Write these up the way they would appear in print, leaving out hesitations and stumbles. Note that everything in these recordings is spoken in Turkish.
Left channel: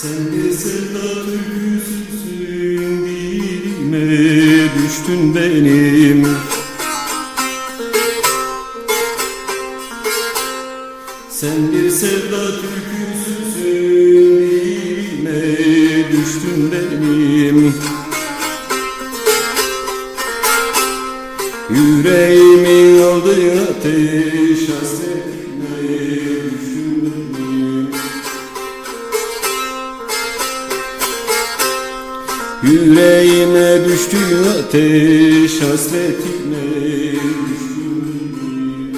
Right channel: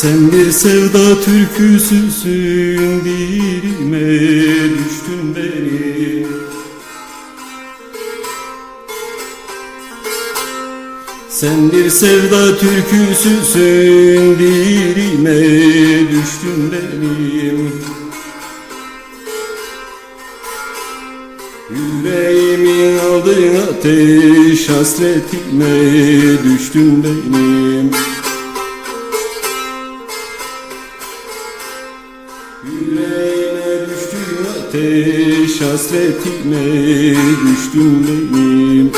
Sen bir sevda türküsüsün, dilime düştün benim. Sen bir sevda türküsüsün, dilime düştün benim. Yüreğimi aldın ateş, hasretime düştün benim. Yüreğime düştün ateş, hasretime düştün benim.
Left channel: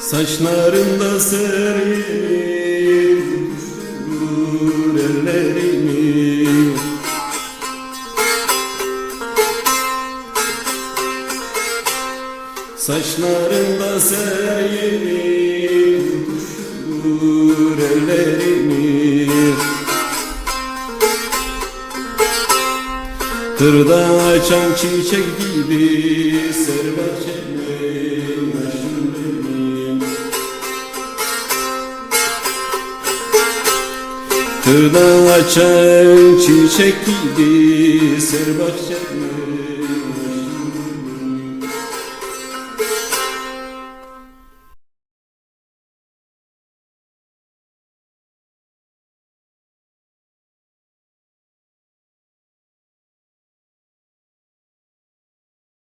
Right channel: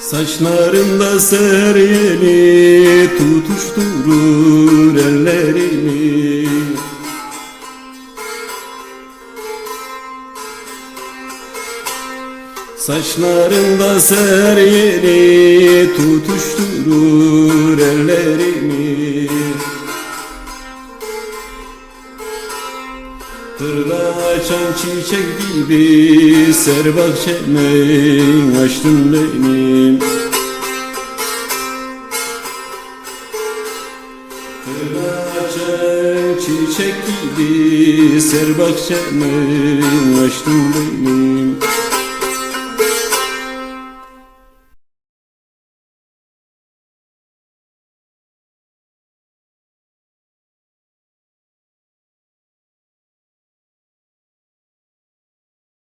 Saçlarında seryeni tutuşturur ellerimi. Saçlarında seryeni tutuşturur ellerimi. Kırda açan çiçek gibi ser bahçeme açtın benim. Kırda açan çiçek gibi ser bahçeme açtın benim.